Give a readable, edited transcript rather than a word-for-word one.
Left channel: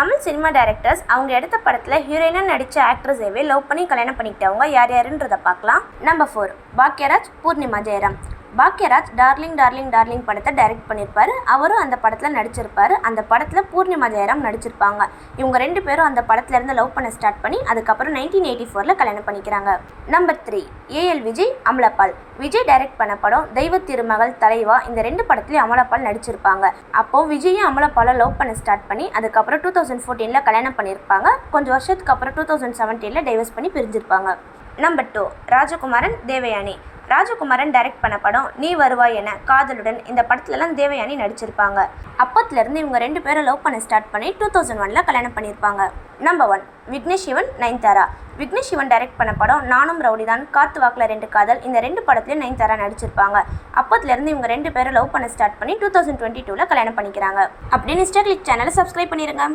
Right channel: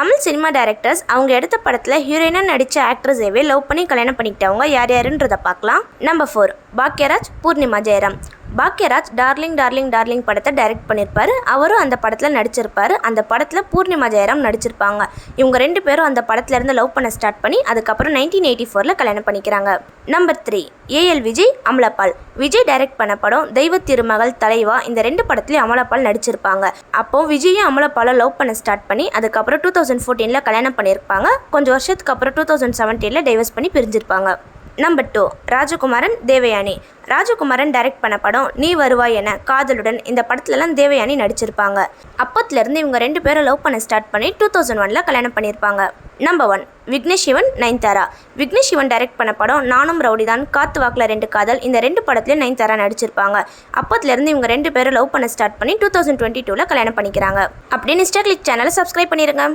Tamil cinema directors அவங்க எடுத்த படத்தில் ஹீரோயினாக நடித்த ஆக்ட்ரஸேவே லவ் பண்ணி கல்யாணம் பண்ணிக்கிட்டவங்க யார் யாருன்றதை பார்க்கலாம். Number 4 Bhagyaraj, Poornima Jayaram. Bhagyaraj darling darling darling படத்தை டைரக்ட் பண்ணியிருப்பாரு. அவரும் அந்த படத்தில் நடிச்சிருப்பாரு. அந்த படத்தில் பூர்ணிமா ஜெயராம் நடிச்சிருப்பாங்க. இவங்க 2 பேரும் அந்த படத்துலேருந்து லவ் பண்ண ஸ்டார்ட் பண்ணி அதுக்கப்புறம் 1984 கல்யாணம் பண்ணிக்கிறாங்க. Number 3 AL Vijay, Amala Paul. Vijay direct பண்ண படம் தெய்வ திருமகள், தலைவா. இந்த 2 படத்துலையும் அமலாபால் நடிச்சிருப்பாங்க. அப்போ விஜயும் அமலாபாலை லவ் பண்ண ஸ்டார்ட் பண்ணி அதுக்கப்புறம் 2014 கல்யாணம் பண்ணியிருப்பாங்க. கொஞ்சம் வருஷத்துக்கு அப்புறம் 2017 டைவர்ஸ் பண்ணி பிரிஞ்சிருப்பாங்க. நம்பர் 2 ராஜகுமாரன், தேவயானி. ராஜகுமாரன் டைரக்ட் பண்ண படம் நீ வருவாய் என, காதலுடன். இந்த படத்துலலாம் தேவயானி நடிச்சிருப்பாங்க. அப்போத்துலேருந்து இவங்க 2 பேரும் லவ் பண்ண ஸ்டார்ட் பண்ணி 2001 கல்யாணம் பண்ணியிருப்பாங்க. நம்பர் 1 விக்னேஷ் சிவன், நயன்தாரா. விக்னேஷ் சிவன் டைரக்ட் பண்ண படம் நானும் ரவுடிதான், காத்து வாக்கில் 2 காதல். இந்த 2 படத்துலையும் நயன்தாரா நடிச்சிருப்பாங்க. அப்போத்துலேருந்து இவங்க 2 பேரும் லவ் பண்ண ஸ்டார்ட் பண்ணி 2022 கல்யாணம் பண்ணிக்கிறாங்க. அப்படின்னு இன்ஸ்டா கிளிக் சேனலை சப்ஸ்கிரைப் பண்ணிடுங்க.